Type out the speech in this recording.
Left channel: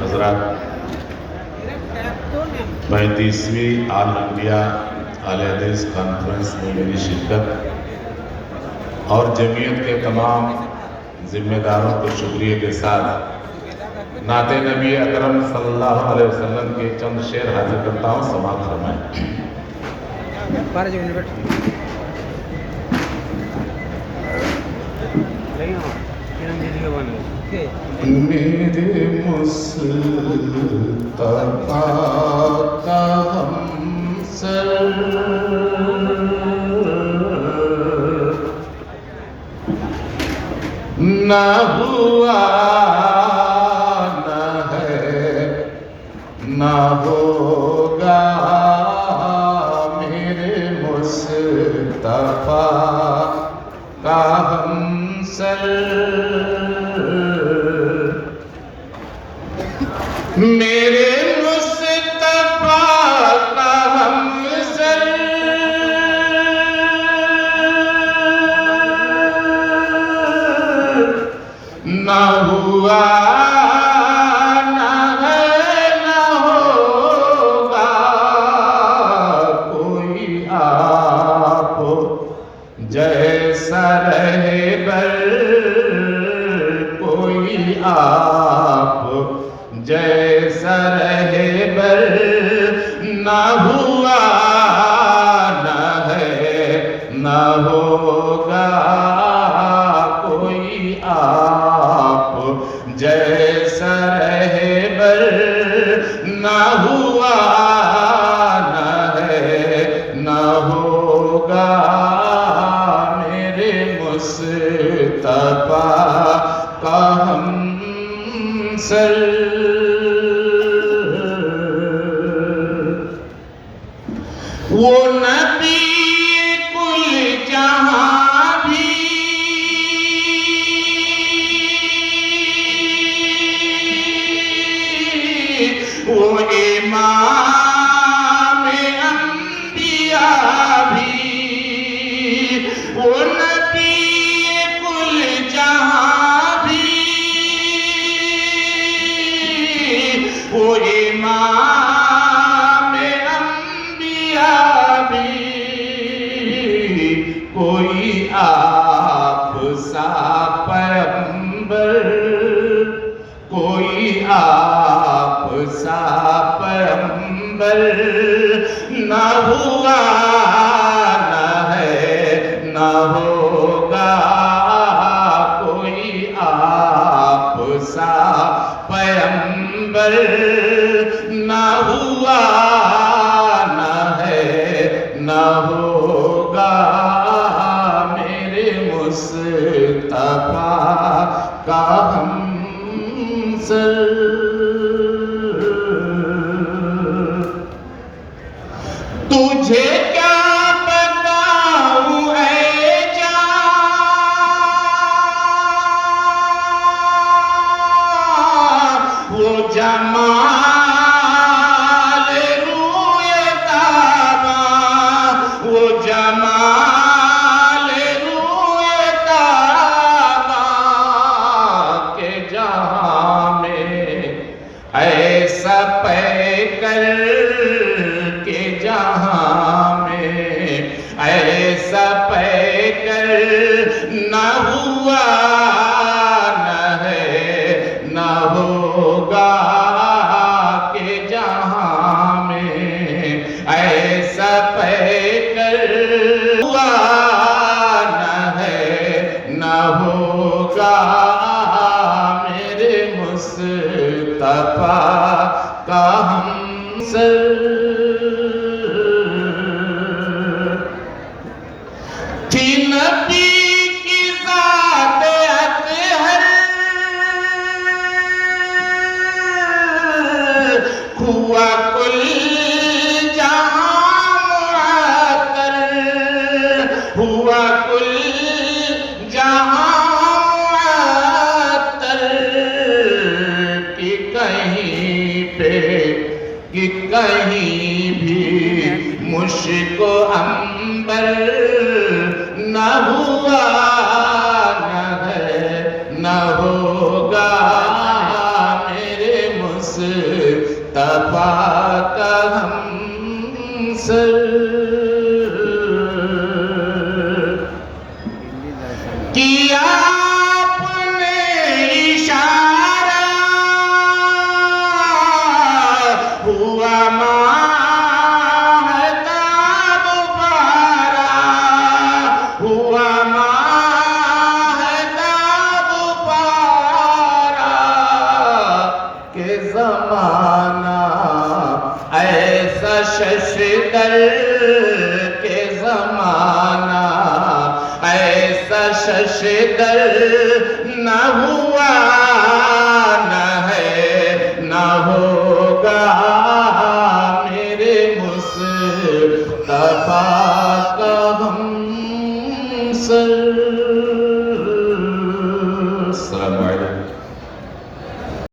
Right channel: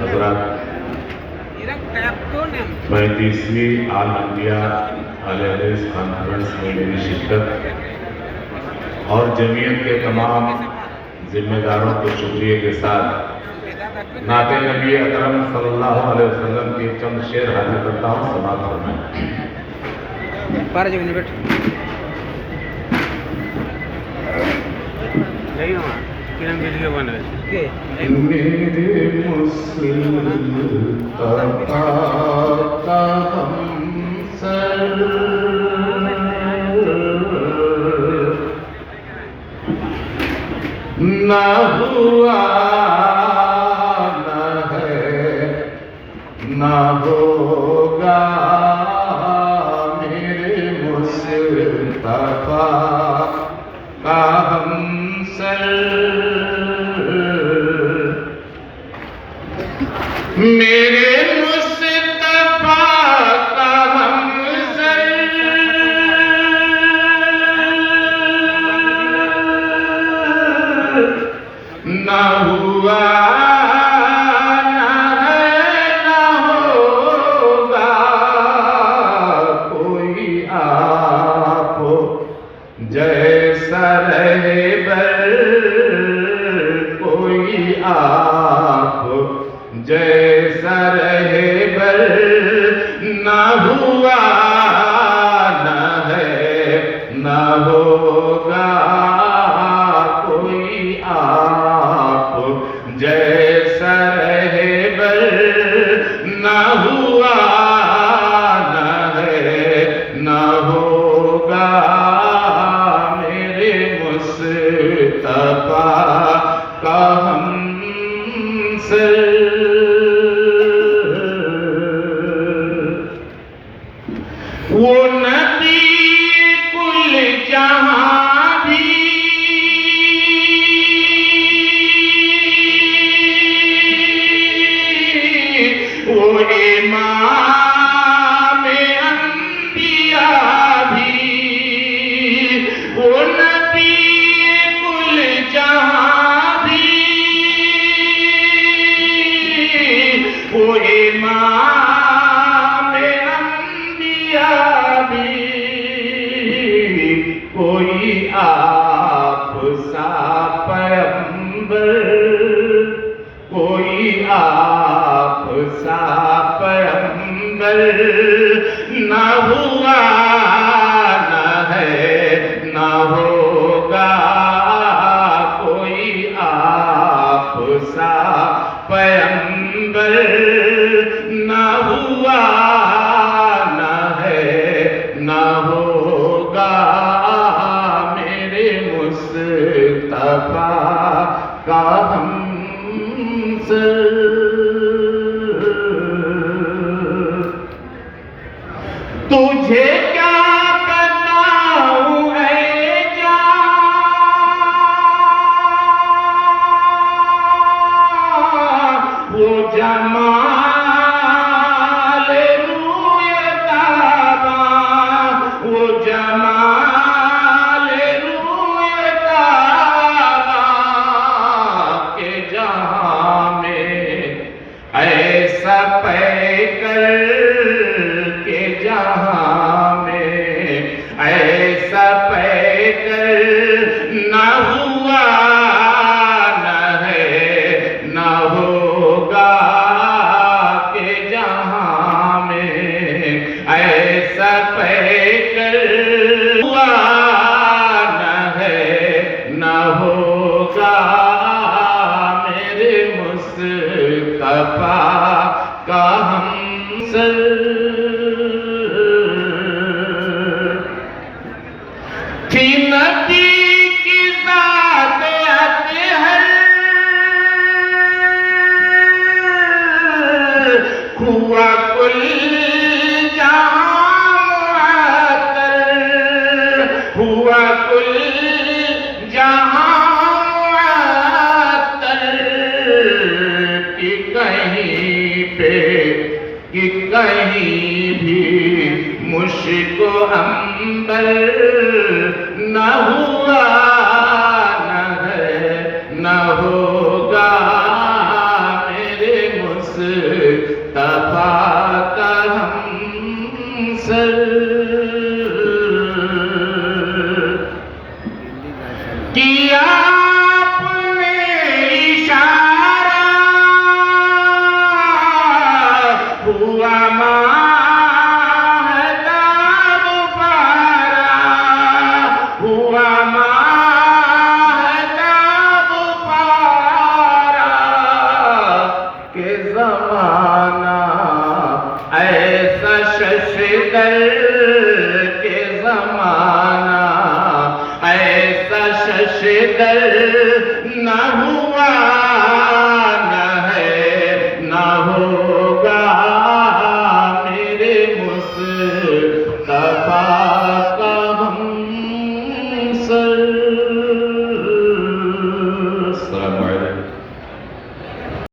حضرات، 35ویں آل انڈیا اہل حدیث کانفرنس میں میری شرکت اور جمعیت کے تمام ذمہ داروں کے شکریہ کے ساتھ نعت نبی اکرم صلی اللہ علیہ وسلم کے چند شعر حاضر کرتا ہوں، سماعت فرمائیں۔ میرے مصطفیٰ کا ہمسر نہ ہوا نہ ہے نہ ہوگا، میرے مصطفیٰ کا ہمسر، میرے مصطفیٰ کا ہمسر، نہ ہوا نہ ہے نہ ہوگا، کوئی آپ جیسا رہبر، کوئی آپ جیسا رہبر، نہ ہوا نہ ہے نہ ہوگا، کوئی آپ جیسا رہبر، نہ ہوا نہ ہے نہ ہوگا، میرے مصطفیٰ کا ہمسر، وہ نبی کل جہاں بھی، وہ امام انبیاء بھی، وہ نبی کل جہاں بھی، وہ امام انبیاء بھی، کوئی آپ سا پیغمبر، کوئی آپ سا پیغمبر، نہ ہوا نہ ہے نہ ہوگا، کوئی آپ سا پیغمبر، نہ ہوا نہ ہے نہ ہوگا، میرے مصطفیٰ کا ہمسر، تجھے کیا بتاؤں اے جان، وہ جمال روئے تاباں، وہ جمال روئے تاباں، کہ جہاں میں ایسا پیکر، کہ جہاں میں ایسا پیکر، نہ ہوا نہ ہے نہ ہوگا، کہ جہاں میں ایسا پیکر، ہوا نہ ہے نہ ہوگا، میرے مصطفیٰ کا ہمسر، تھی نبی کی ذات اطہر، ہوا کل جہاں معطر، ہوا کل جہاں معطر، کہ کہیں پہ کہ کہیں بھی مشک و عنبر، نہ ہوا نہ ہے نہ ہوگا، میرے مصطفیٰ کا ہم سر کیا آپ نے اشارہ ہوا ماہتاب پارا ہوا ماہتاب پارا کہ زمانہ ایسا ششدر کہ زمانہ ایسا ششدر نہ